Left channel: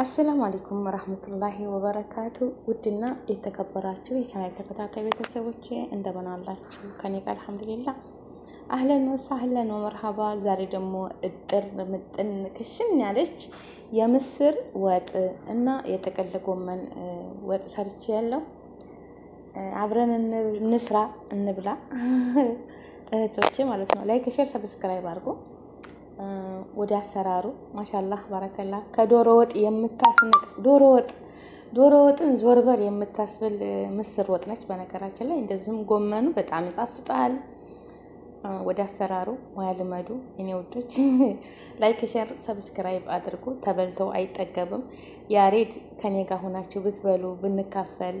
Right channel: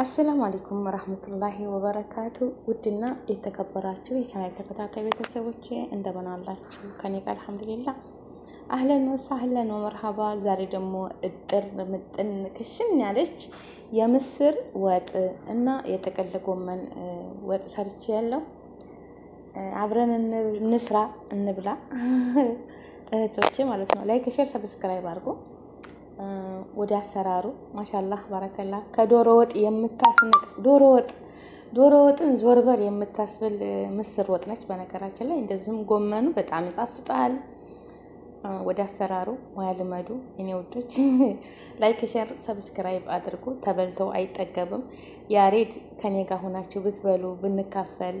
አሰላሙ አለይኩም ወራህመቱላሂ ወበረካቱ። ውድና የተከበራችሁ የቻናል ተከታታይ ቤተሰቦች እንደምን አላችሁ? ከኔ ጋር አልሐምዱሊላህ አህለን ወሰህለን ወመርሐባ። ዛሬ ደግሞ እጥር ምጥን ክሽን ያለች የምስር ወጥ እና የጥቅል ጎመን ወጥ ሰርቼ ያለው አብረን እንስራ እንብላ እህቶቼ ማለት ነው። ላይክ ሼር ሰብስክራይብ አድርጉ። ወደ አሰራሩ ማሻአላህ ባረከላ። ከዶሮ ወጥ የምታስንቅ ዶሮ ወጥን ዞርበር የምታስብል ምስር ወጥ ነች በነገራችን ላይ። እንደዚሁም ጎመኑ በጣም ይጣፍጣል። ወደ አሰራሩ ሙያ ልመዱ የኔ ውዶች። ላይክ ሼር ሰብስክራይብ አድርጉ። ተበልተው አይጠገብም። ያሬድ ከኔ ጋር ሆናችሁ ብትበሉ ብንካፈል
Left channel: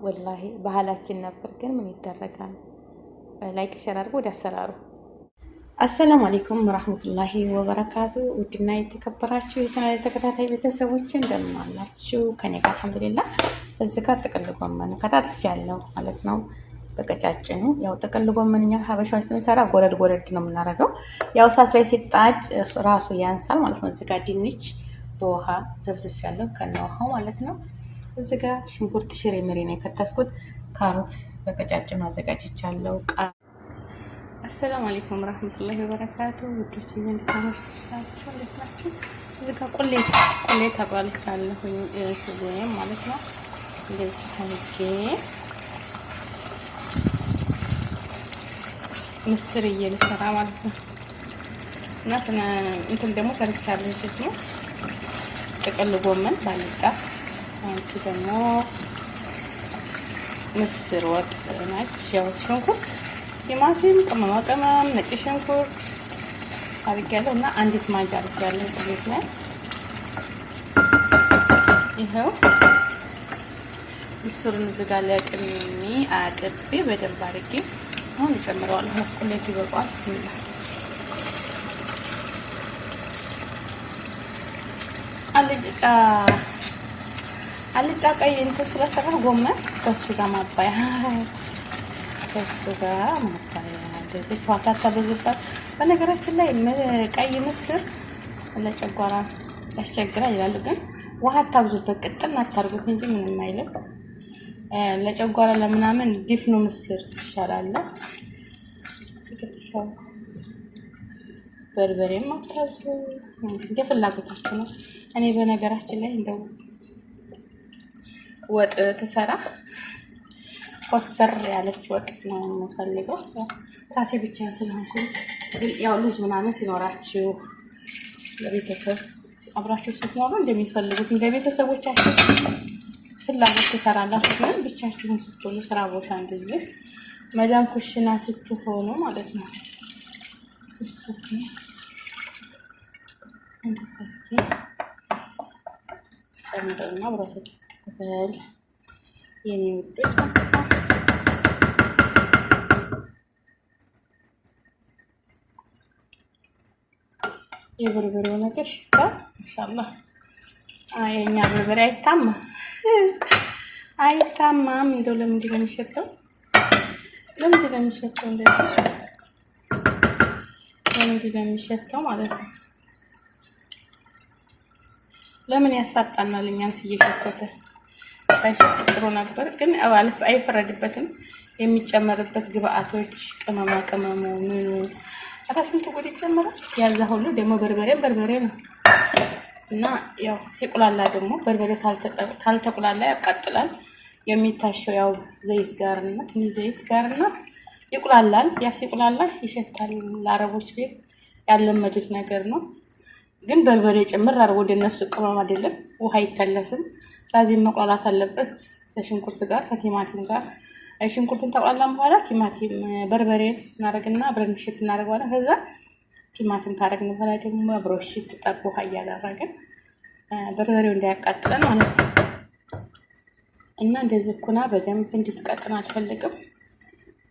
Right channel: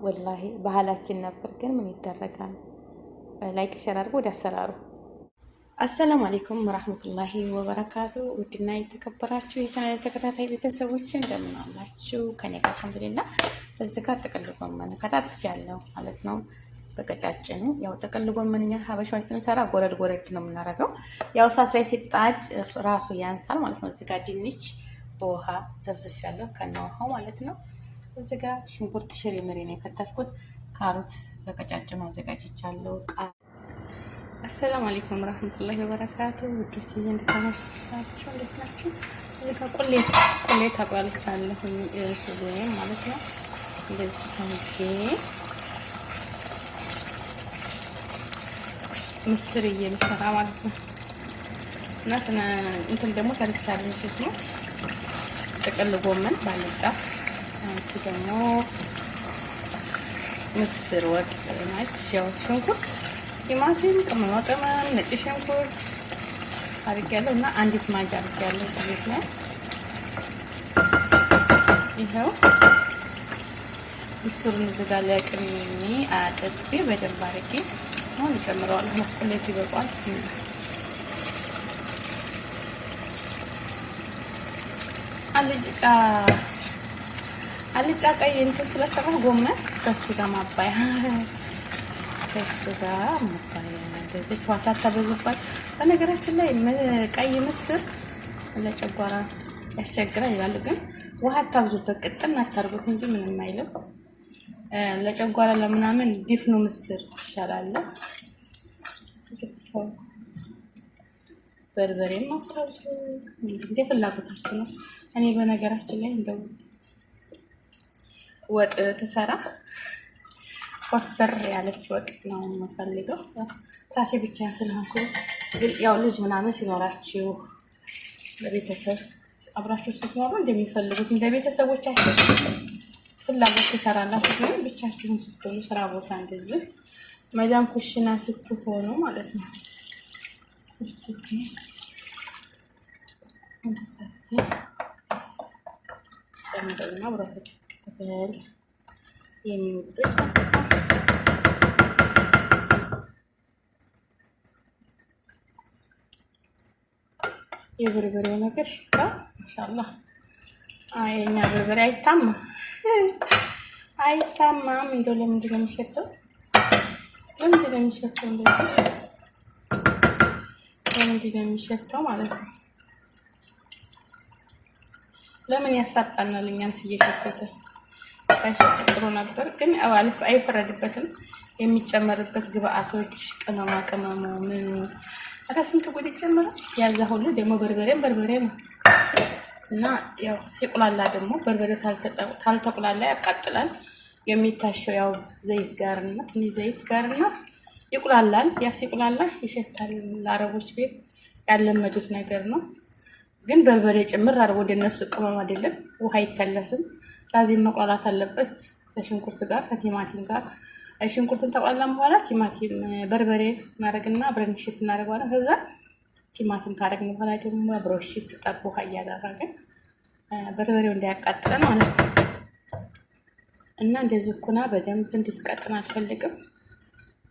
ወላሂ ባህላችን ነበር፣ ግን ምን ይደረጋል። ላይክ ሼር አድርጉ። ወደ አሰራሩ አሰላሙ አለይኩም ወራህመቱላሂ ወበረካቱ። ውድና የተከበራችሁ የቻናል ተከታታይ ቤተሰቦች እንደምን አላችሁ? ከኔ ጋር አልሐምዱሊላህ። እዚህ ጋር ጥቅል ጎመን ከታትፍ ያለው ማለት ነው በቀጫጭኑ። ያው ጥቅል ጎመን እኛ ሀበሻዎች ስንሰራ ጎረድ ነው የምናደርገው። ያው እሳት ላይ ሲጣድ ራሱ ያንሳል ማለት ነው። እዚህ ጋር ድንች በውሃ ዘብዝፍ ያለው ከነውሃው ማለት ነው። እዚህ ጋር ሽንኩርት ሽሬ ምሪ ነው የከተፍኩት። ካሮት በቀጫጭኑ አዘጋጅቻለሁ። አሰላሙ አለይኩም ወራህመቱላሂ ወበረካቱ። ውዶች እንዴት ናችሁ? እዚህ ጋር ቁሌት አቁላልቻለሁኝ ስጎዬም ማለት ነው። እንደዚህ ታንጌ ምስር እየልሰራ ማለት ነው። እና እንትን ደግሞ ሰርቻለሁ ነው ጥቅል ጎመን ባልጫ። አንቺ ደግሞ ምስር ወጥ ናች። ያው ሽንኩርት ቲማቲም፣ ቅመማ ቅመም፣ ነጭ ሽንኩርት አድርጌያለሁ እና አንዲት ማንኪያ አድርጌያለሁ ዘይት ላይ። ይኸው ምስሩን እዚህ ጋር ለቅሜ አጥቤ በደንብ አድርጌ አሁን እጨምረዋለሁ። መስቆሌት ይበቃዋል። ብስሚላ አልጫ ቀይ እንትን ስለሰራ ጎመን ከሱ ጋር ማባያ ከሱ ጋር ማባያ እንደዚህ ዋታታ በዙባት። በነገራችን ላይ ቀይ ምስር ለጨጓራ ያስቸግራል ይላሉ፣ ግን ውሃ አታብዙበት፣ ቅጥል አታርጉት እንጂ ምንም አይልም። ለጨጓራ ለምናምን ዲፍኑ ምስር ይሻላል። በርበሬም አታብዙ፣ እንደ ፍላጎታችሁ ነው። እኔ በነገራችን ላይ እንደው ወጥ ተሰራ ኮስተር ያለች ወጥ ነው የምፈልገው። ራሴ ብቻ ስለሆንኩ ያው ልጅ ምናምን ሲኖራችሁ ለቤተሰብ አብራችሁ ስትኖሩ እንደሚፈልጉት እንደ ቤተሰቦቻችሁ ፍላጎት ትሰራላችሁ። ግን ብቻችሁን ስትሆኑ ስራ ቦታ እንደዚህ መዳም ኩሽና ስትሆኑ ማለት ነው ጨምረውና አብራችሁ ተበል የኔ ውዶች ማለት ነው። የበርበሬው ነገር ሽታ ማሻአላህ። የኛ በርበሬ አይታማም። እንደው ለምንድን ነው የሚሸተው? እንደዚህ ለምንድን ነው የሚሸተው ማለት ነው? ለምን ያሳጣናል? እኛን ሲየከተተ ጥሩ ነበር፣ ግን አይፈረድበትም። የሚጨመርበት ግብአቶች ቅመማ ቅመሙ ምኑ አታ ስንት ጉድ ይጨመራል። ያዛ ሁሉ ደግሞ በርበሬ ነው እና ያው ሲቁላላ ደግሞ በርበሬ ካልተቁላላ ያቃጥላል። የሚታሸው ያው ዘይት ጋርና ይቁላላል። ያ ሲቁላላ ይሸታል። ለአረቦች ቤት ያለመዱት ነገር ነው። ግን በርበሬ ጭምር አድርጎ እንደነሱ ቅመም አይደለም። ውሃ አይከለስም። ላዚም መቁላላት አለበት ከሽንኩርት ጋር ከቲማቲም ጋር። ሽንኩርቱን ተቆላላን በኋላ ቲማቲም በርበሬ እናደርግና አብረን ሽት እናደርገዋለን። ከዛ ቲማቲም ካደረግን በኋላ ደግሞ አብሮ ሽት ጠብ ውሃ እያደረግን በርበሬው እንዳያቃጥለን ማለት ነው። እና እንደዚህ ኩና በደንብ እንድትቀጥን አልፈልግም።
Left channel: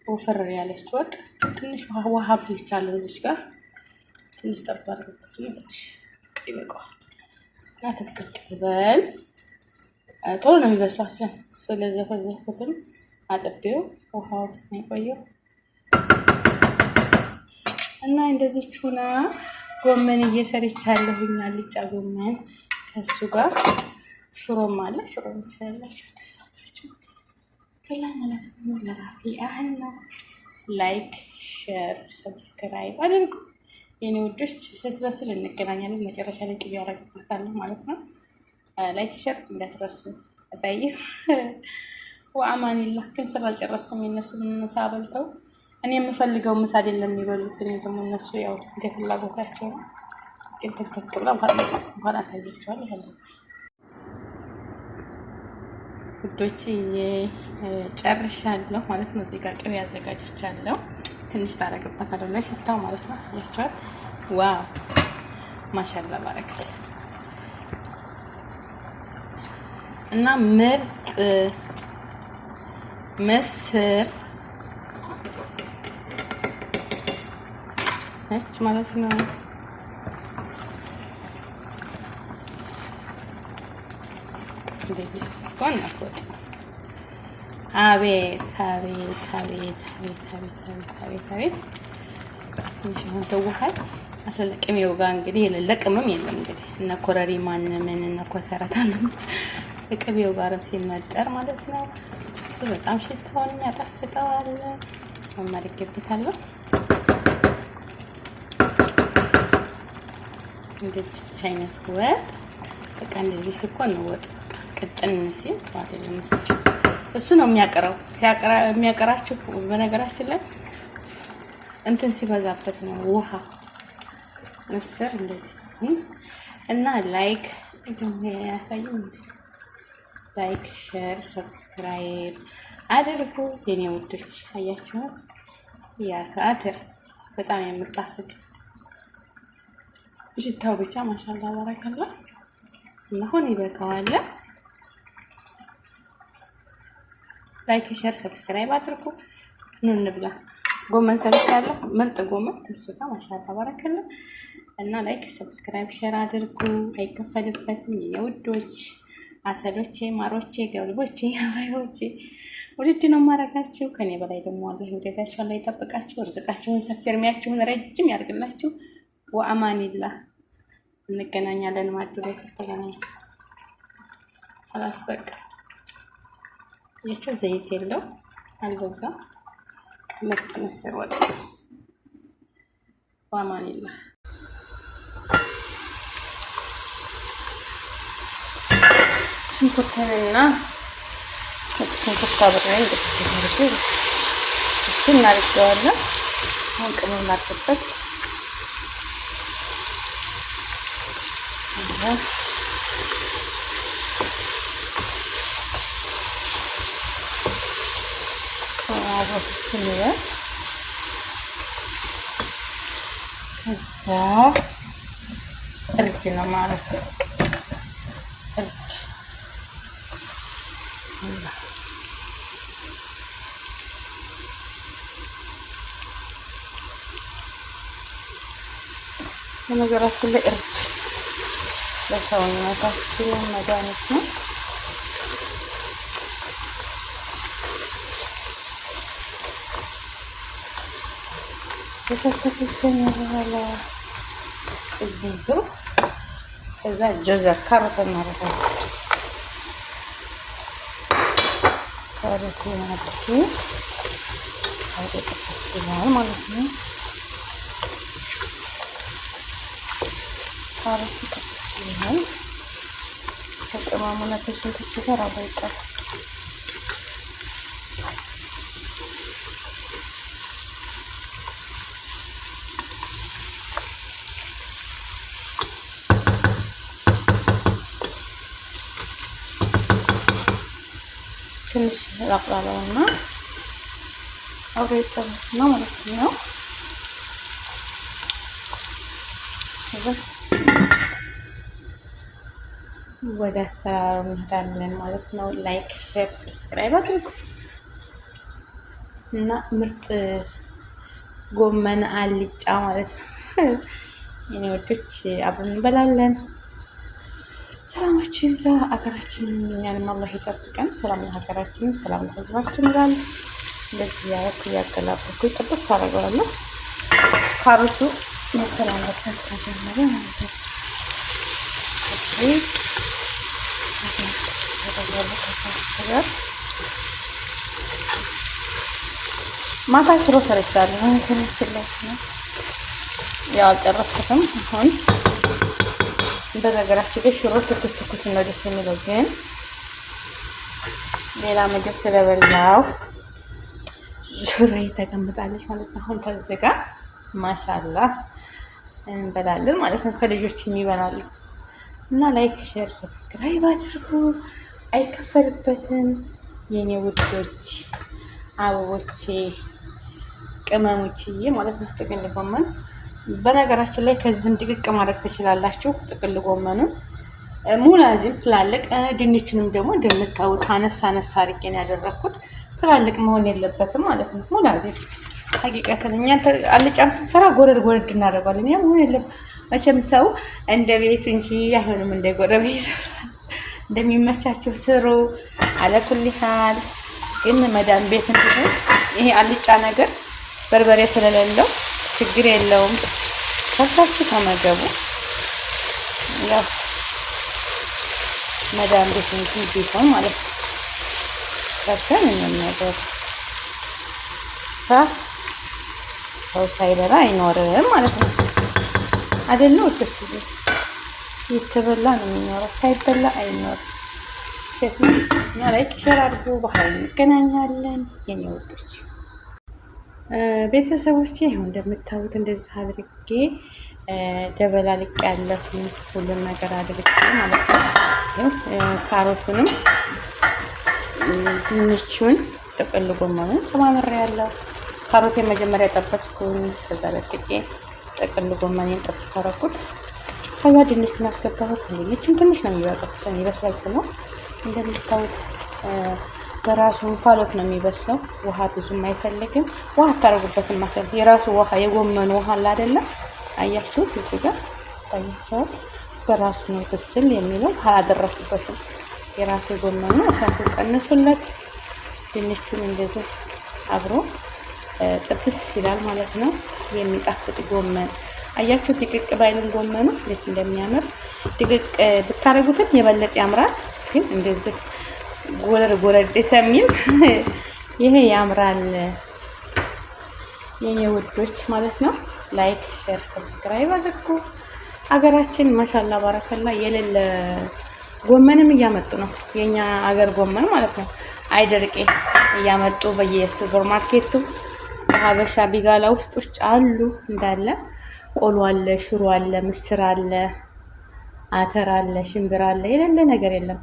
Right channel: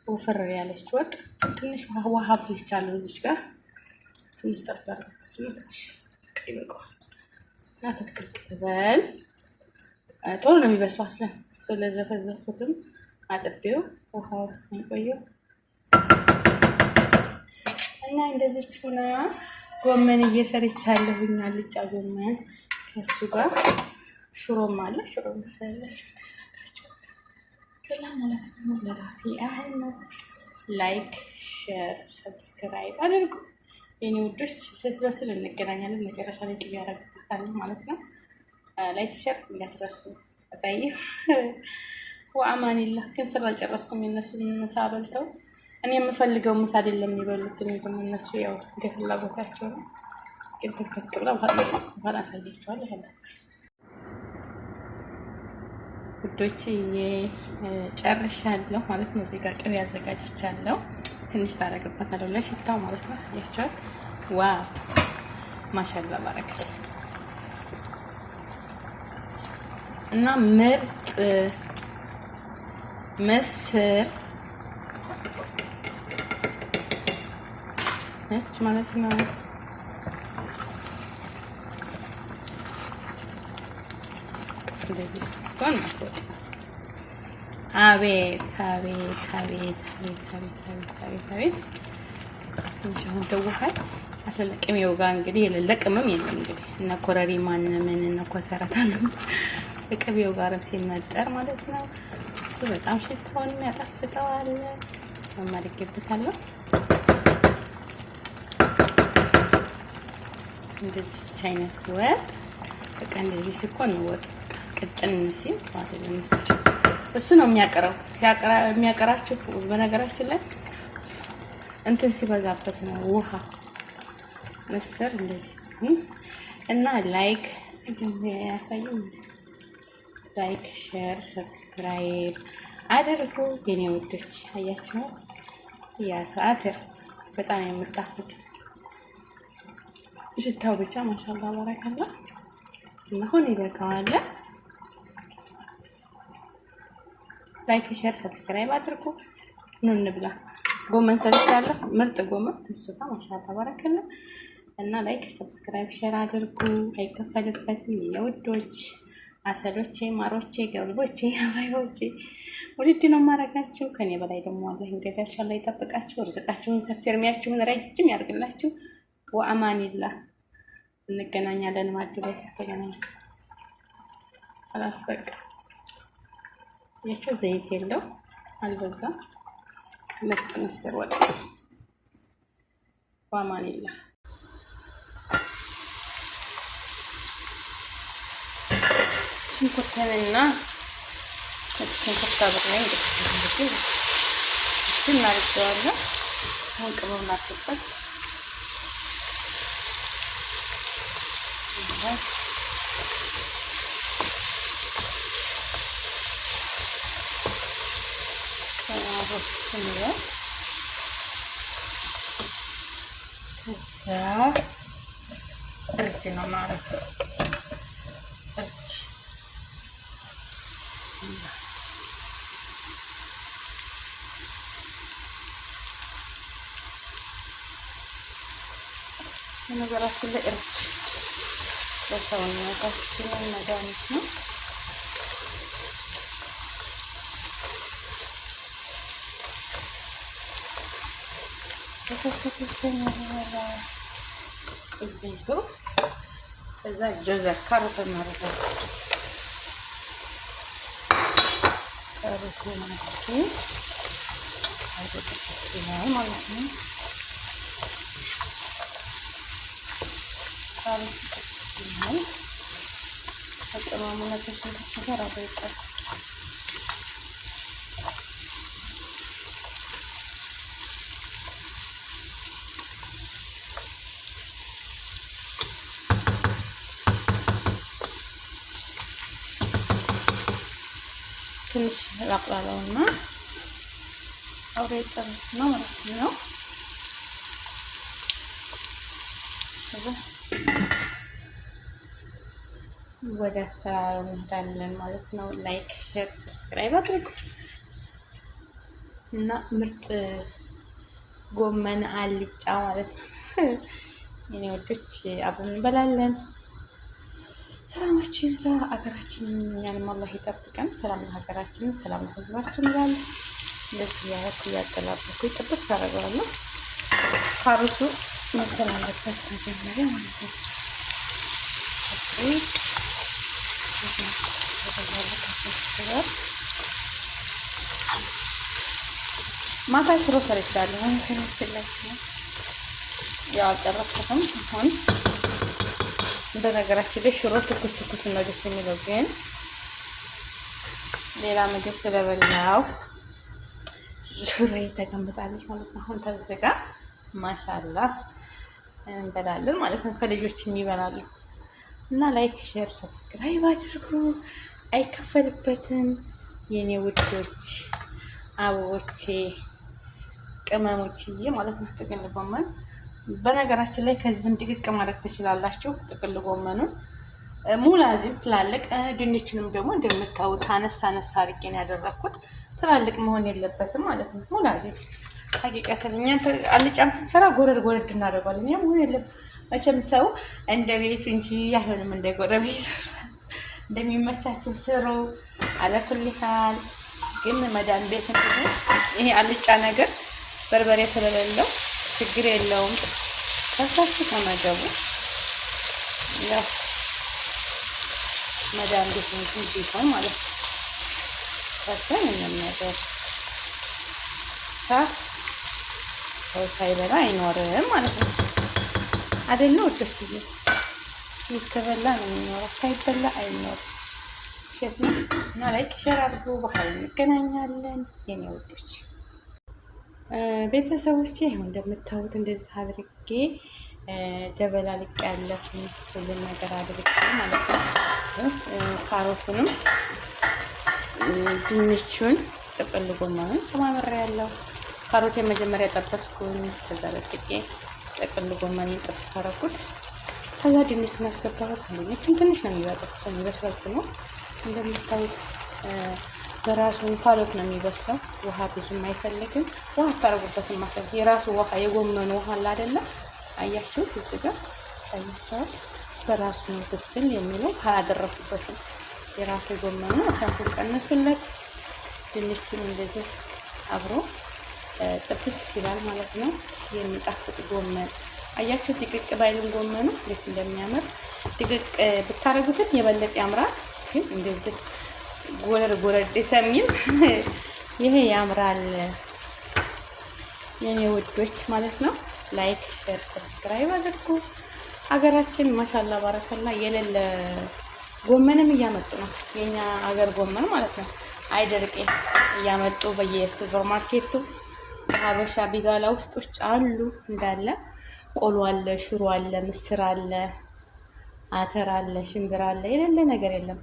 ወፈር ያለች ወጥ ትንሽ ውሃ አፍልቻለሁ። እዚች ጋር ትንሽ ጠባር ይበቃዋል። እና ትክክል ትበል። ቶሎ ነው የሚበስለው። ስለዘፈዘፍኩትም አጥቤው ውሃ ውስጥ ነው የቆየው እና እንደዚህ ቹና ጎመን እየሰርቻለሁኝ። አልጫ ጎመን ከሱ ጋር ሽሮም አለ። ሽሮም ያላችሁ ተሳካችሁ ከላ ማለት ነው። ለራሴ ያህል ነው። ላይክ ሼር ሰብስክራይብ አድርጉ የኔ ውዶች። ስትበስል እንገናኛለን። መጨረሻ ላይ ቅቤ ያደርግበታለሁ ማለት ነው። ላይክ ሼር እንዳትረሱ። አጣይ ወአማኒላህ። ግን ስራ አልጨረስኩም። የነሱን ምሳ በልተው እኔ የምፈልገው ምሳ አይደለም የሚበሉት። እኔ ደግሞ እነሱ ያው እንደ ፍላጎታቸው ነው። ግን ተከክ ብላ እንኳን አሳያችኋለሁ። ውዶች ጨርሻለሁ ማለት ነው። እዚህ ጋር ቅቤ አዘጋጅቻለሁ። ትንሽ ታረግበታለሁ ለሽታው ማለት ነው። ያቻት ዋው ማሻአላ ባረከ እና ምርጥ ምስር ነች ማለት ነው። እንደዚህ ስትሆን አትወጥ። አቤት አቤት አቤት አቤት አቤት አቤት አቤት አቤት ትንሽ አሁን ተውሃይ አሰለቅሜው ጋር እንግዲህ የሌለ ቅመም የለም። እንግዲህ እነ ኮረሪማ ምን እነ ኮሰረት አሉ ቅቤው ጋርም ሲመጠር ማለት ነው። እሱ በጣም ሽታውን ያጣፍጠዋል። ማማርገብታለሁ እንደዚህ አይነት ወጥ በቃ እንደዚህ ስኮን ነው ወጥ ቅጥን ሲል አይደለም ምስር እሱ ነው የሚያቀራው። የሚያቀራችሁ በነገራችን ላይ እንትን ሲበዛበት ነው ውሃ ምስር እንደዚህ እና ላይክ ያሳየው ላይክ ሼር ሰብስክራይብ አድርጉ የኔ ውዶች። አያችሁ ያ ሰዓትር በጣም የምጣፍጥ ሽታው ብቻ ማሻአላ ባረከላ እና አሁን ይበቃዋል። ላይክ ሼር ሰብስክራይብ አድርጉ። ኑ እንብላ። ጎመን ሰርቻለሁ። ምርጥ ጎመን ተስፋ ማሻአላ ባረከላ እና ላይክ ሰብስክራይብ ሼር አድርጉ። አይከፈልበትም የኔ ውዶች፣ አሰሎቼ፣ ማሮቼ፣ ገብልቦቼ፣ አባዮቼ ውድድ ነው ማረጋችሁ። ከኔ በላይ ደግሞ አላህ ይወደዳችሁ፣ አላህ ይጠብቃችሁ፣ ርዝቃችሁን ሰፊ እርሚያችሁን ረጅም ያርግላችሁ። ወአማኒላህ። እንገናኛለን። ማዱ ላይ ተገናኘን። አላስበቃ የቸው ዘይት የለው አልበዛም። ምርጥ ምስር ወጥ። ወአማኒላህ። ሽንኩርትና ሽንኩርት አብረን እንደዚህ እናደርገዋለን። አሁን ቅመም እናድርግበት። ከዛ እርድ ነው ማለት ነው። እርድ በነገራችን ላይ እርድ ለሰውነታችን መድኃኒት ነው። የተከተሰኝ በኋላ እዚሁ ከዛ ጀዘር ካሮት እናደርጋለን። ካሮት ያደርጉ ይሆናል ማለት ነው። ካሮት ቅጥስ ይሆናል። ከቅመሙና ከሽንኩርቱ ጋር አብሮ ይጠብሳል። ትንሽ ላቅላላውና አብሮ ይጠበስ ነው ማለት ነው። ወደ አሰራሩ እንሄዳለን ማለት ነው። ላይክ ሼር ሰብስክራይብ አድርጉ እና ምርጥ ጎመን አልጫ ማለት ነው የኔ ወዶች አብረን እንበላለን። ሰላማችሁ ይብዛ። አገራችንን እኛንም አላህ ይጠብቀን። ሰላም ለሀገራችን፣ ሰላም ለሕዝባችን ይላል። እንደዚህ ያረኩ ያገላበኩ ጥብስ አደርገዋለሁ። ካሮቱ መሰል አለበት መጀመሪያ ማለት ነው። ማታ ሽሮ ሰርቻለሁ። ትንሽላችሁ ያው አልጨረስኩትም። አሁን በነገራችን ላይ ሽሮ ትኩስ ትኩስ ነው ደስ የሚለው፣ ግን ሌላ ምግብ ስለበላው ሽሮ ተቀምጣለች ማለት ነው። አሁን ተዝጋ ማሻአላህ እንበላለን ማለት ነው። ከልጆች የሚበላሉ እና ላይክ፣ ሼር፣ ሰብስክራይብ አድርጉ። አይከፈልበትም የኔ ውዶች፣ አበቦቼ፣ ቅመሞችዬ ማለት ነው። ጥቅል ጎመን በነገራችን ላይ ከዚህም ድቅቅ ማድረግ ትችላላችሁ። ጥቅል ጎመኑን ሙላዚም ትላልቅ፣ ድንቹንም ደግሞ እንደምታዩት አነሳ አነሳ አድርጌ ነው ያደረኩት። ትላልቅ መሆን የለበትም ማለት ነው። ሙላዚም ሀቂቀትን እኛ አልጫም ስራ ጎረድ ጎረድ እናደርጋለን። ያ መሆን የለም መቼም ሰው እንደ ቤት እንጂ አይሆንም እንደ ጎረቤት። እንደሚመቻቸው ስሩ አለኩልሃል። ግን መዳን ቤት እንትን ይሄ አልጫ ነገር በርበሬ ስለሌለው ችግር የለውም። ከታችሁ ተመገቡ። ያው መዳን ቤት እንትን ቢሆን ማለት ነው። በተን የሚያደር ሰው ሳይበላ አይኖርም ማለት ነው። አይደለ ወጥቶ ይከበላ ነው የሚኖረው፣ ሳይበላ አይኖርም። እና ላይክ ሸር አድርጉ። በኋላ እንገናኛለን የኔ ወጦች ቤተሰቦቼ። ይኸው እንደምታዩት እንደዚህ አድርጌ ደበላልቅ ያለሁ ሁሉም ነገር አድርጌ ማለት ነው። ካሮቱንም ድንቹን ጥቅል ጎመኑን ጨማምሬ ያለው ካሮት የመጀመሪያ ጠበስኩኝ። ከዛ ለጥቄ ጥቅል ጎመኔን ጠብስ አደረኩት። ከዛ ድንቹን አስገባሁት። ድንቹን ትንሽ ነው የሚበቃው፣ ሰው ይበስላል ነው እንደምታዩት በራሱ እንፋሎት ነው የሚበስለው። ውሃ ብዙም አይፈልግም። ውሃ አታረጉበትም ማለት የራሱ ውሃ የጎመኑ ውሃ አለ አይደለ? አያችሁት? እዚህ ጋር ታያችኋል። በራሱ ነው ብስል የሚለው። ውሃ አላደረኩበትም። የራሱ የጎመኑ እሳቱ ቀንሱለት። ድንቹን እንደዚህ አብሮ ጥብስ ይላል ማለት ነው። የሚጣፍጥ ጎመን አያችሁ። ድቅቅ ባይልም ጎመኑ እንዴት እንደሚያምር ድቅቅ ብታረጉትም የበለጠ ያምራል። ግን እንደዚህ ጎረድ ጎረድ ተሚል ይሄ ያምራል የኔ ውዶች ማለት ነው። ላይክ ሼር ሰብስክራይብ አድርጉ። ሀገራችን ማሻአላ ባረከላ የሌለ ጎመንም እያመጡ ነው። የኛ ሀገር ጎመን ማለት ነው። አይደርቄ እያመጡ በየሱፐር ማርኬቱ ሀበሻ ቢጋላ ውስጦች አሉ እንዳለ። ቆሎ አለ፣ ሽሮ አለ፣ ምስር አለ፣ አተር አለ፣ ሽምብራ አለ። የሌለ ነገር የለም።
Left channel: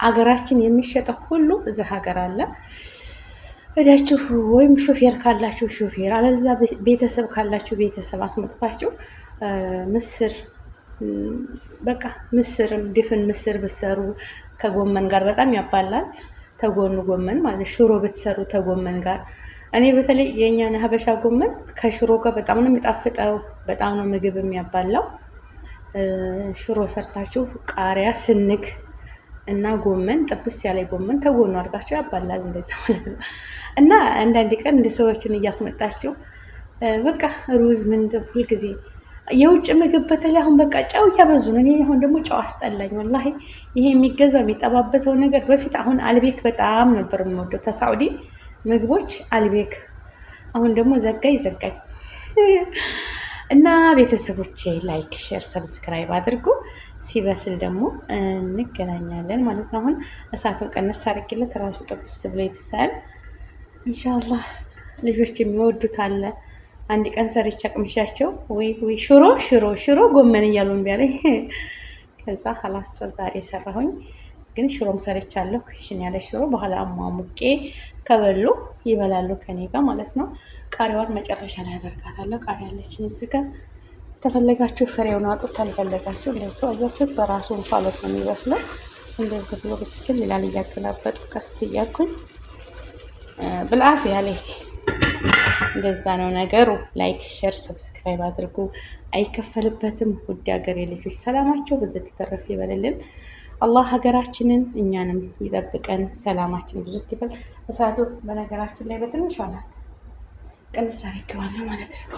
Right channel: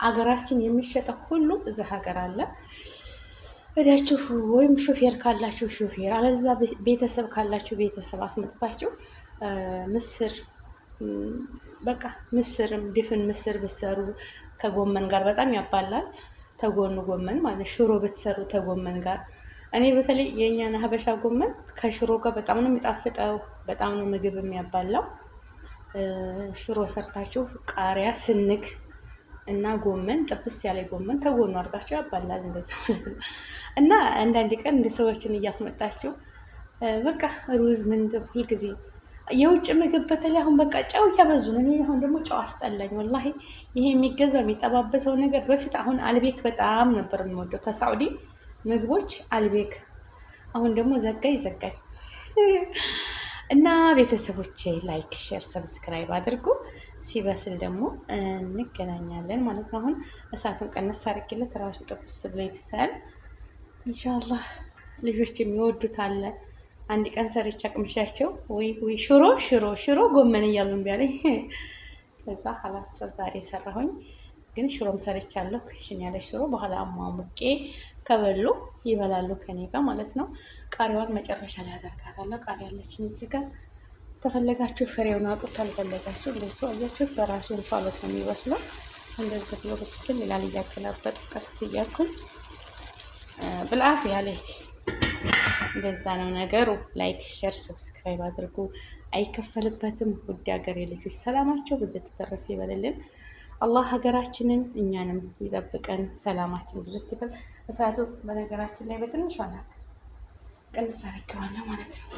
አገራችን የሚሸጠው ሁሉ እዚህ ሀገር አለ። እዳችሁ ወይም ሾፌር ካላችሁ ሾፌር፣ አለዛ ቤተሰብ ካላችሁ ቤተሰብ አስመጥታችሁ ምስር በቃ ምስርም ድፍን ምስር ብትሰሩ ከጎመን ጋር በጣም ያባላል። ተጎኑ ጎመን ማለት ሽሮ ብትሰሩ ተጎመን ጋር። እኔ በተለይ የእኛን ሀበሻ ጎመን ከሽሮ ጋር በጣም ነው የሚጣፍጠው። በጣም ነው ምግብ የሚያባላው። ሽሮ ሰርታችሁ ቃሪያ ስንግ እና ጎመን ጥብስ ያለ ጎመን ተጎኑ አድርጋችሁ ያባላል። እንደዛ ማለት ነው። እና አንዳንድ ቀን እንደ ሰዎችን እያስመጣችሁ በቃ ሩዝ ምን ሁልጊዜ የውጭ ምግብ በተለይ አሁን በቃ ጨው እያበዙ ነው። እኔ አሁን ደግሞ ጨው አስጠላኝ ወላሂ። ይሄ የሚገዛው የሚጠባበሰው ነገር በፊት አሁን አልቤክ በጣም ነበር የምወደው ተሳዑዲ ምግቦች አልቤክ። አሁን ደግሞ ዘጋኝ እና ቤተሰቦቼ ላይክ ሼር ሰብስክራይብ አድርጉ። ሲበስል ደግሞ እንገናኛለን ማለት ነው። አሁን እሳቱን ቀነስ አድርጌለት ራሱ ጥብስ ብሎ ይብሳል ኢንሻአላህ። ልጆች የሚወዱት አለ። አንድ ቀን ሰርቻ ቅምሻቸው ወይ ሽሮ ጎመን እያሉ እምቢ አለኝ። ከዛ ሀላስ ዛሬ ሰራሁኝ። ግን ሽሮም ሰርቻለሁ። ክሽን ያለ ሽሮ በኋላ አሟሙቄ ከበሉ ይበላሉ ከኔ ጋር ማለት ነው። ቃሪያዋን መጨረሻ ላይ አደርጋታለሁ። ቃሪያ አለችኝ እዚህ ጋር። ተፈለጋችሁ ፍሬውን አውጡት፣ አልፈለጋችሁ እንደዚህ አያችሁት። በራሱ እንፋሎት ነው የሚበስለው። እንደዚህ ብሎ ብስል ይላል። እያገላበጡ ቀስ እያልኩኝ ብልአፍ ያለክ እንደዛ ነው ነገሩ። ላይክ ሼር ሰብስክራይብ አድርጉ። አይከፈልበትም። ውድ ሀገሬ ልጆች ሰላማቸው ብዙ ተተረፈ ይበልልን። አላህ ሀገራችንን እኛንም ይጠብቀን። ሰላማችን ብዙ ይበል። እሳቱ በነገራችን ላይ በትንሿ ናት። ቀንስ አድርጌዋለሁ ማለት ነው።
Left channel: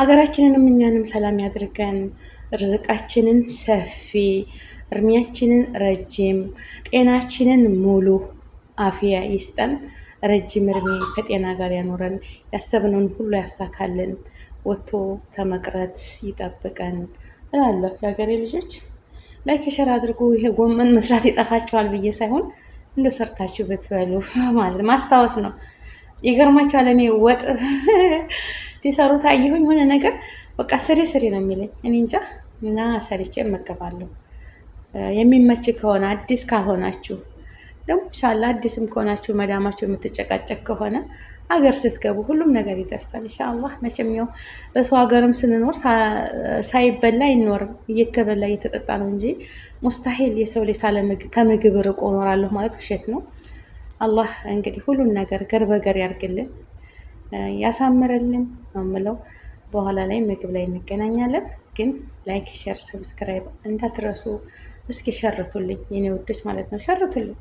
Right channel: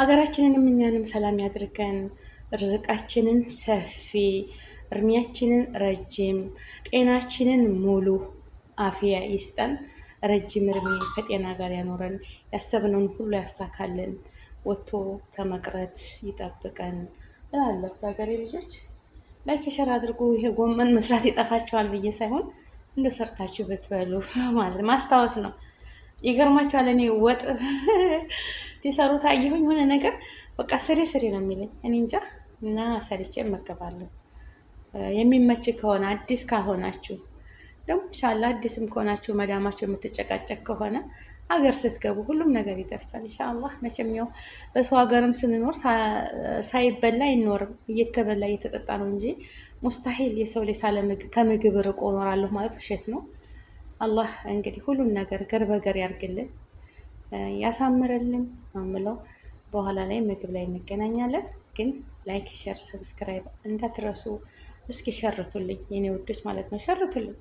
ሀገራችንንም እኛንም ሰላም ያድርገን። ርዝቃችንን ሰፊ እድሜያችንን ረጅም፣ ጤናችንን ሙሉ አፍያ ይስጠን። ረጅም እድሜ ከጤና ጋር ያኖረን፣ ያሰብነውን ሁሉ ያሳካልን፣ ወጥቶ ተመቅረት ይጠብቀን እላለሁ። የሀገሬ ልጆች ላይክ ሸር አድርጉ። ይሄ ጎመን መስራት ይጠፋችኋል ብዬ ሳይሆን እንደ ሰርታችሁ ብትበሉ ማለት ማስታወስ ነው። ይገርማችኋል። እኔ ወጥ ሲሰሩት አየሁኝ የሆነ ነገር በቃ ስሬ ስሬ ነው የሚለኝ እኔ እንጃ። እና ሰርቼ እመገባለሁ። የሚመች ከሆነ አዲስ ካልሆናችሁ ደግሞ ኢንሻላህ አዲስም ከሆናችሁ መዳማችሁ የምትጨቃጨቅ ከሆነ ሀገር ስትገቡ ሁሉም ነገር ይደርሳል ኢንሻአላህ። መቼም ያው በሰው ሀገርም ስንኖር ሳይበላ አይኖርም፣ እየተበላ እየተጠጣ ነው እንጂ ሙስታሂል የሰው ልጅ ከምግብ ርቆ እኖራለሁ ማለት ውሸት ነው። አላህ እንግዲህ ሁሉን ነገር ገር በገር ያርግልን ያሳምርልን ነው የምለው። በኋላ ላይ ምግብ ላይ እንገናኛለን። ግን ላይክ፣ ሸር፣ ሰብስክራይብ እንዳትረሱ። እስኪ ሸርቱልኝ የኔ ውዶች ማለት ነው። ሸርቱልኝ፣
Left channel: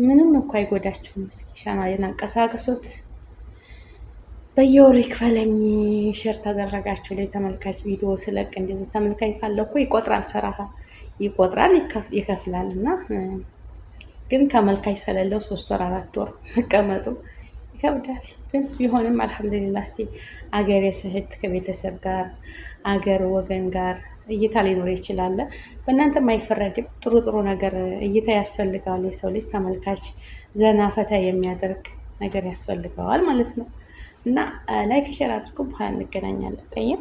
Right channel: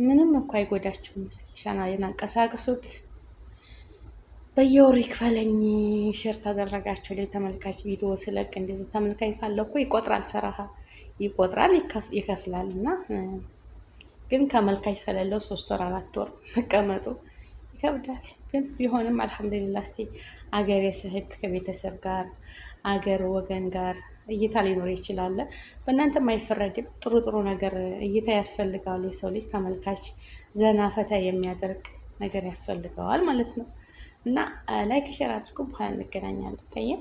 ምንም እኮ አይጎዳችሁም። እስኪ ቻናሌን አንቀሳቅሱት። በየወሩ ይክፈለኝ ሸር ታደረጋችሁ ላይ ተመልካች ቪዲዮ ስለቅ እንደዚህ ተመልካች ካለ እኮ ይቆጥራል፣ ሰራሃ ይቆጥራል፣ ይከፍላል። እና ግን ተመልካች ስለሌለው 3 ወር 4 ወር መቀመጡ ይከብዳል። ግን ቢሆንም አልሐምዱሊላህ። እስቲ አገሬ ስህት ከቤተሰብ ጋር አገር ወገን ጋር እይታ ሊኖር ይችላል። በእናንተም አይፈረድም። ጥሩ ጥሩ ነገር እይታ ያስፈልገዋል። የሰው ልጅ ተመልካች ዘና ፈታ የሚያደርግ ነገር ያስፈልገዋል ማለት ነው። እና ላይክ ሸር አድርጉ። በኋላ እንገናኛለን። ጠይም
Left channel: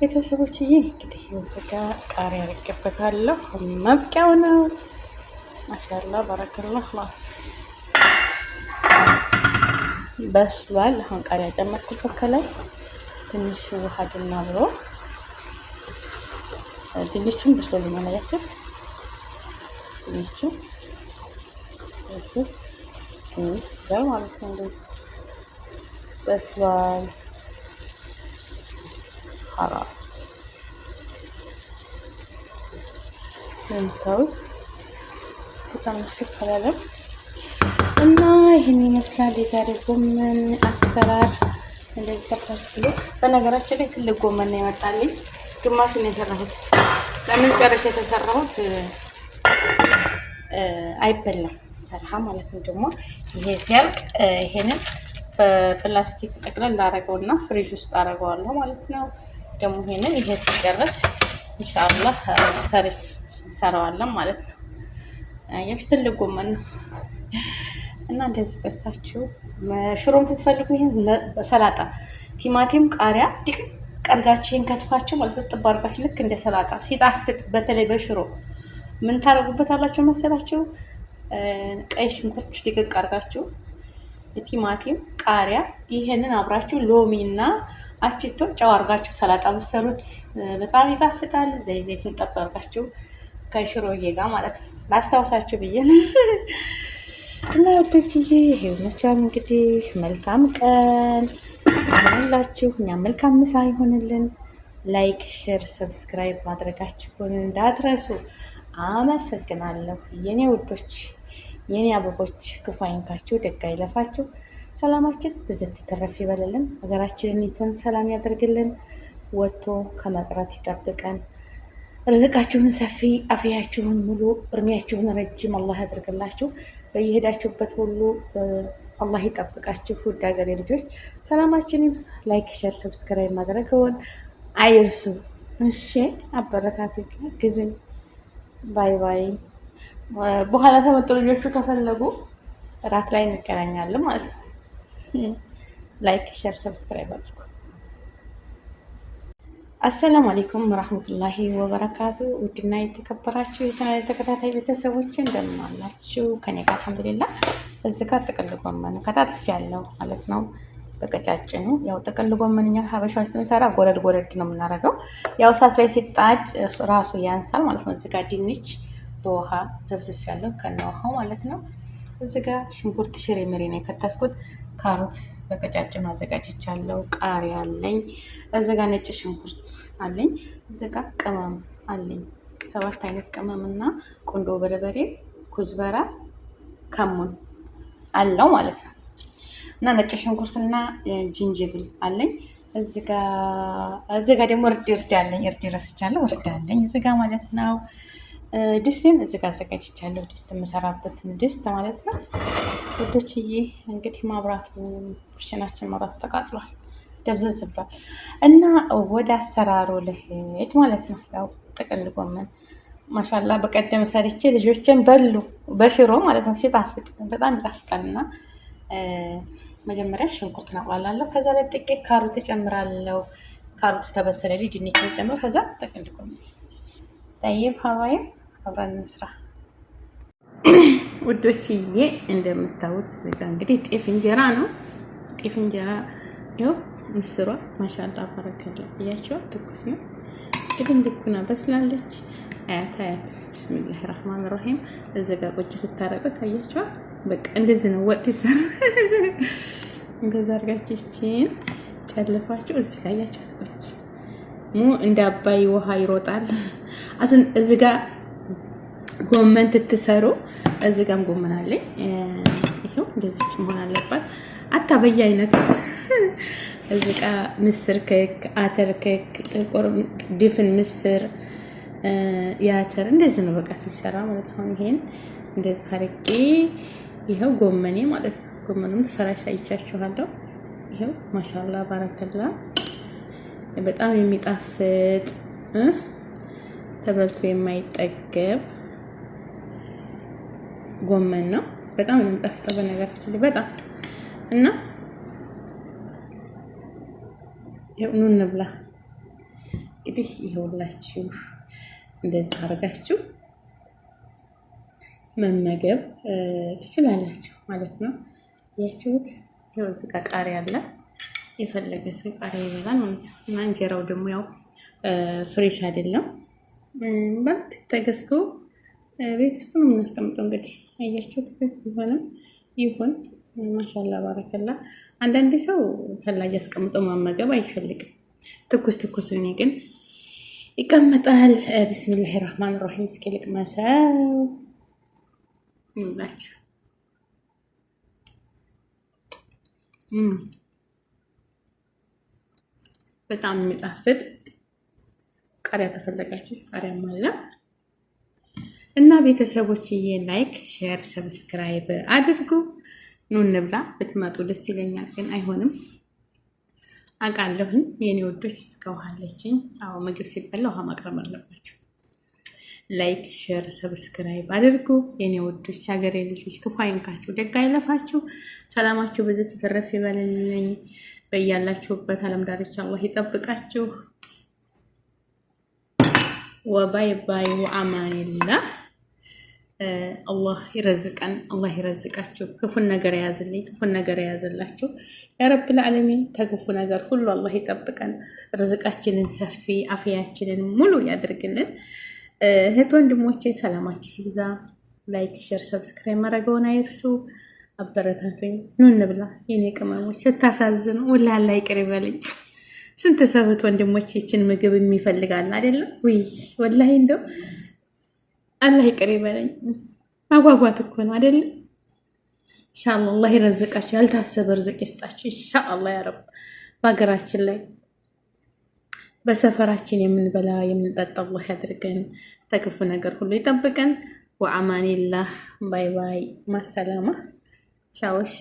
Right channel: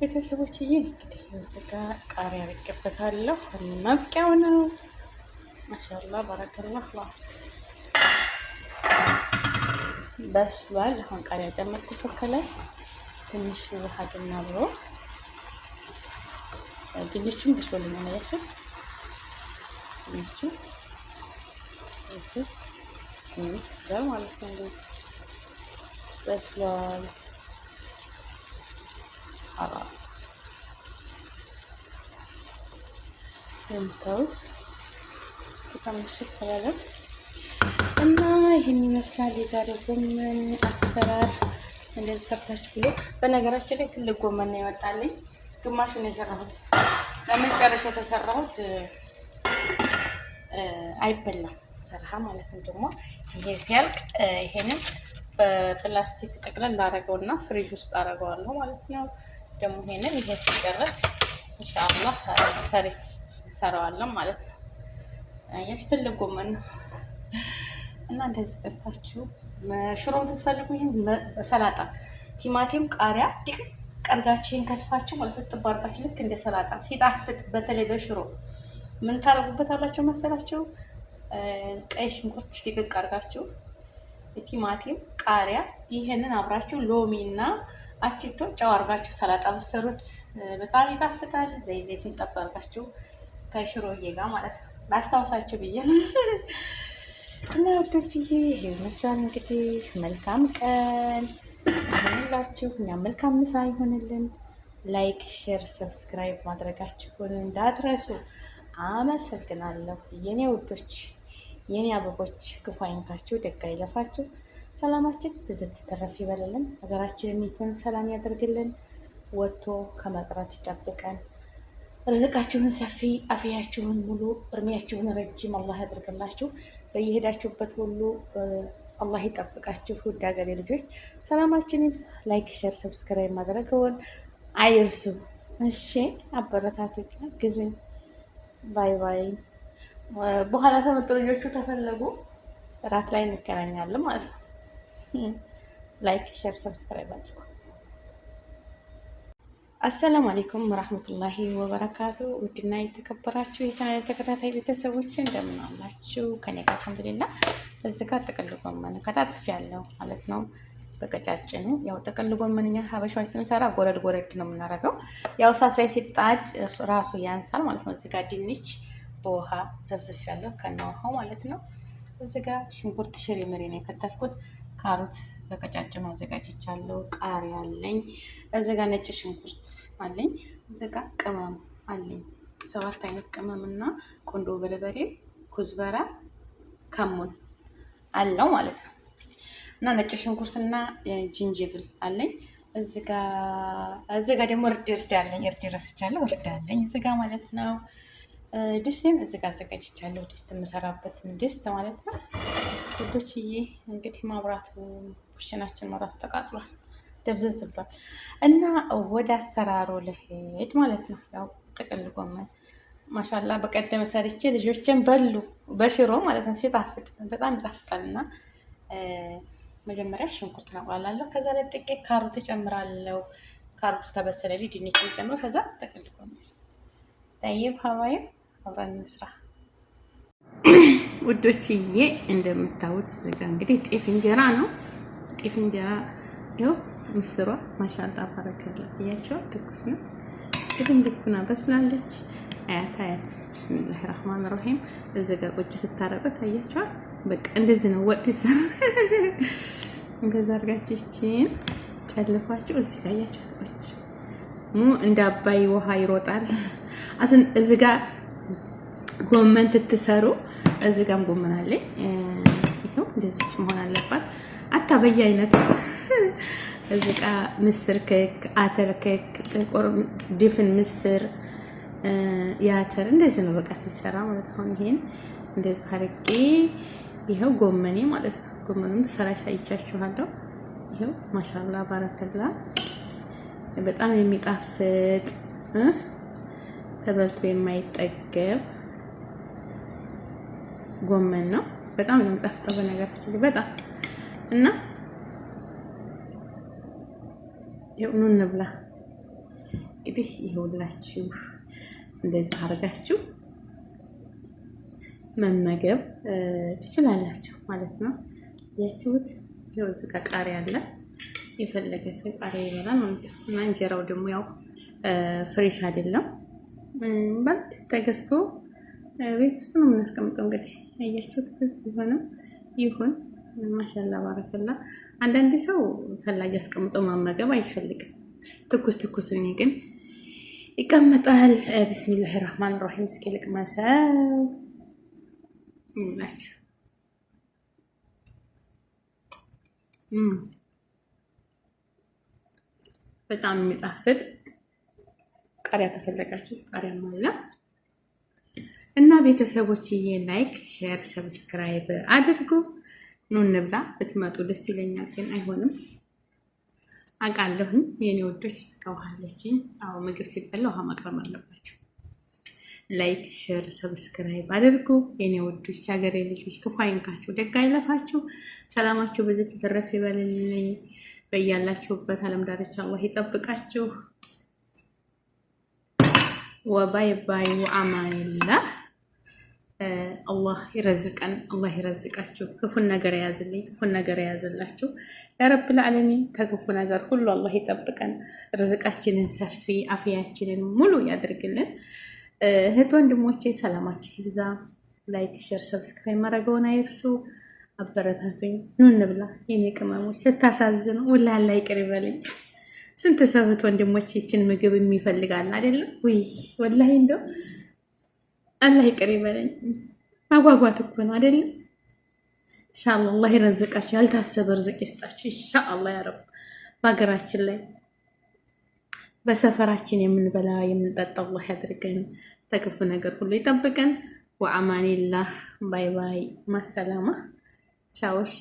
ቤተሰቦች እንግዲህ እዚህ ጋ ቃሪያ አድርጌበታለሁ። መብቂያው ነው። ማሻአላ ባረከላህ። ላስ በስሏል። አሁን ቃሪያ ጨመርኩበት ከላይ ትንሽ ውሃ ድና ብሎ ድንቹም በስሎልኛል። አያችሁት? ድንቹ ትንሽ ጋር ማለት ነው። እንደዚህ በስሏል። خلاص እንታውት በጣም ሽፈራለ እና ይሄን ይመስላል የዛሬ ጎመን አሰራር። እንደዚህ ሰርታችሁ በነገራችን ላይ ትልቅ ጎመን ነው ያወጣልኝ። ግማሹን የሰራሁት ለምን ጨረሽ የተሰራሁት አይበላም ሰራሃ ማለት ነው። ደግሞ ይሄ ሲያልቅ ይሄንን በፕላስቲክ ጠቅለል ላደርገውና ፍሪጅ ውስጥ አደርገዋለሁ ማለት ነው። ደግሞ ይሄንን ይሄ ሲጨርስ ኢንሻአላህ ሰራዋለን ማለት ነው። የፊት ትልቅ ጎመን ነው እና እንደዚህ ገዝታችሁ ሽሮም ትፈልጉ ይሄን ሰላጣ ቲማቲም፣ ቃሪያ ድቅ ቀርጋችሁን ከትፋችሁ ማለት ተባርካችሁ ልክ እንደ ሰላጣ ሲጣፍጥ፣ በተለይ በሽሮ ምን ታረጉበታላችሁ መሰላችሁ? ቀይ ሽንኩርት ድቅቅ አርጋችሁ ቲማቲም፣ ቃሪያ ይሄንን አብራችሁ ሎሚና አቺቶ ጨው አርጋችሁ ሰላጣ ብትሰሩት በጣም ይጣፍጣል። ዘይቱን ጠብ አርጋችሁ ከሽሮዬ ጋር ማለት ነው። ላስታውሳችሁ ብዬ ነው። እና ወዶችዬ ይሄ ይመስላል እንግዲህ። መልካም ቀን ይሁንላችሁ። እኛም መልካም ምሳ ይሆንልን። ላይክ፣ ሼር፣ ሰብስክራይብ ማድረጋችሁን እንዳትረሱ። አመሰግናለሁ የኔ ውዶች፣ የኔ አበቦች። ክፉ አይንካችሁ፣ ደግ አይለፋችሁ። ሰላማችን ብዝት ተረፍ ይበልልን። ሀገራችንን ኢትዮጵያን ሰላም ያደርግልን። ወጥቶ ከመቅረት ይጠብቀን። ርዝቃችሁን ሰፊ፣ አፍያችሁን ሙሉ፣ እድሜያችሁን ረጅም አላህ ያደርግላችሁ። በየሄዳችሁበት ሁሉ አላህ ይጠብቃችሁ። ውድ ሀገሬ ልጆች ሰላማችን ይብዛ። ላይክ፣ ሼር፣ ሰብስክራይብ ማድረግዎን አይርሱ። እሺ አበረታቱ፣ ግዙኝ። ባይ ባይ። በኋላ ተመጡ ልጆቹ ከፈለጉ እራት ላይ እንገናኛለን ማለት ነው። ላይክ፣ ሼር፣ ሰብስክራይብ አድርጉ። አሰላሙ አለይኩም ወራህመቱላሂ ወበረካቱ። ውድና የተከበራችሁ የቻናል ተከታታይ ቤተሰቦች እንደምን አላችሁ? ከኔ ጋር አልሐምዱሊላህ። እዚህ ጋር ጥቅል ጎመን ከታትፍ ያለው ማለት ነው በቀጫጭኑ። ያው ጥቅል ጎመን እኛ ሀበሻዎች ስንሰራ ጎረድ ጎረድ ነው የምናደርገው። ያው እሳት ላይ ሲጣድ ራሱ ያንሳል ማለት ነው። እዚህ ጋር ድንች በውሃ ዘብዝፍ ያለው ከነውሃው ማለት ነው። እዚህ ጋር ሽንኩርት ሽሬ ምሬ ነው የከተፍኩት። ካሮት በቀጫጭኑ አዘጋጅቻለሁ። ቃሪያ አለኝ። እዚህ ጋር ነጭ ሽንኩርት አለኝ። እዚህ ጋር ቅመም አለኝ። 7 አይነት ቅመምና ቁንዶ በርበሬ፣ ኩዝበራ፣ ከሙን አለው ማለት ነው። እና ነጭ ሽንኩርትና ጅንጅብል አለኝ። እዚህ ጋር ደግሞ እርድ አለኝ። እርድ ረስቻለሁ። እርድ አለኝ እዚህ ጋር ማለት ነው። ድስቴን እዚህ ጋር አዘጋጅቻለሁ። ድስት የምሰራበትን ድስት ማለት ነው ውዶችዬ። እንግዲህ ማብራቱ ኩሽናችን መብራቱ ተቃጥሏል፣ ደብዘዝ ብሏል እና ወደ አሰራሩ ልሄድ ማለት ነው። ያው ጥቅል ጎመን ማሻላ በቀደም ሰርቼ ልጆችን በሉ በሽሮ ማለት ነው። ሲጣፍጥ በጣም ይጣፍጣል። እና መጀመሪያ ሽንኩርት አቁላላለሁ። ከዛ ላይ ጥቂት ካሮት እጨምራለሁ። ካሮቱ ተበሰለልኝ ድንች ጨምር። ከዛ ጥቅል ጎመን ጠይብ ሀዋይም አብረን እንስራ ውዶችዬ። እንደምታዩት እዚህ ጋ እንግዲህ ጤፍ እንጀራ ነው። ጤፍ እንጀራ ይኸው ምስሯ ማሻላ ባረከላ እያቸው ትኩስ ነው። ቅድም ልኩና በስላለች። አያት ብስሚላህ ራህማን ራሂም። እዚህ ጋ ቁጭ ስታረቁት አያቸዋል። በቃ እንደዚህ ነው ወጥ ይሰራ። እንደዛ አድርጋችሁችን ጨልፋችሁ እዚህ ጋ አያቸዋት ቁጭ እንደ አባይ ውሃ ይሮጣል። እዚህ ጋ ጎመን ትትሰሩ እዚህ ጋም ጎመን አለ። ይሄው እንደዚህ መሆን አለባት። አታ በየአይነት እዚህ ጋ ምስር ክክ፣ አተር ክክ፣ ጥቁር ድፍን ምስር፣ የአተር እንደዚህ ነው በቃ ሲሰራ ማለት ነው። ይሄን እንደዚህ አድርጌ ይሄው ጎመኔ ማለት ነው። ጎመኑን ሰራ ያሳይቻችኋለሁ። ይሄው ማሻአላ ባረከላ በጣም የሚጣፍጥ ተበልቶ የማይጠገብ ጎመን ነው። በጣም ነው የሚጣፍጠው በነገራችን ላይ በጣም እና ኑ እንብላ። እንግዲህ ይኸውላችሁ እንደዚህ አድርጋችሁ መመገብ ትችላላችሁ ማለት ነው። ያችሁት ይኸው እዚህ ጋር ቃሪያ አለ። የፈለገ ሰው ቃሪያ ይበላል ማለት ነው። እና እንጀራው ደግሞ ያው ፍሬሽ አይደለም ማለት ተገዝቶ ቤት ውስጥ ነው የምናስቀምጠው። እንግዲህ አያችሁት ቤት ቢሆንም ይሁን ማሻላ ባረከላ። አንዳንዴ ሰው ተላጅ አስቀምጦ ማመገብ አይፈልግም። ትኩስ እኔ ግን ይቀመጣል። ቢስሚላህ ራህማን ራሂም። እስኪ ልቅመሰው ይላችሁ። በጣም የሚጣፍጥ ቃሪያ ተፈለጋችሁ ቃሪያም አለ እና ቤተሰቦችዬ ላይክ፣ ሼር፣ ሰብስክራይብ አድርጉ። ኑ እንብላ። ብትመጡ ደስ ይለኛል፣ ግን አይሆንም አውቃለሁኝ። የኔ ወዶች እስከውሃለችኝ። አዎ ምግብ ሲበላ ውሃ ማቅረብ አለባችሁ። ላይክ፣ ሼር፣ ሰብስክራይብ አድርጉ የኔ ወዶች። ሀገሬ ልጆች ክፉ አይንካችሁ፣ ደግ አይለፋችሁ። ሰላማችሁ በዚህ ተተረፍ ይበልልኝ። በያላችሁበት ዓለም ዳርቻ አላህ ይጠብቃችሁ። ወባይ ባይ ወአማኒላህ። አላህ ይረዝቀን፣ አላህ ይረዝቃችሁ። ክፉን ነገር የያዝልኝ፣ ክፉን ነገር የያዝላችሁ ያ ረብል ዓለሚን። ተክፉ ነገር ሁሉ አላህ ይጠብቀን። ርዝቃችንን ሰፊ፣ አፍያችንን ሙሉ ያድርግልን። እህት ወንድሞቼ ሰላማችሁ ይብዛ። ላይክ፣ ሼር፣ ሰብስክራይብ ማድረገውን አይርሱ። አበረታቱኝ። ኑ እንብላ የኔ ቅመሞች። ስታሳዝኑ ወላሂ አላህ ይቅር ይበልኝ። ስንት ሰው እህት ወንድሞች ይችን ምግብ የሚፈልጋል አይደለም ወይ? ወላሂ እንደው አላህ ይቅር ይበለኝ። ማጓጓት እኮ ነው አይደለም? ኢንሻአላህ አላህ ይረዝቃችሁ፣ ያልታሰበ ርዝቅ ይስጣችሁ ኢንሻአላህ ያ ረብ። በሀገራችን ላይ በሰፈራችን የምንበላ የምንጠጣ አላህ ያድርገን። ተክፉ ነገር ሁሉ ይጠብቀን። ወአማኒላህ። ባይ ባይ። ማሰላማ ቻው። እሺ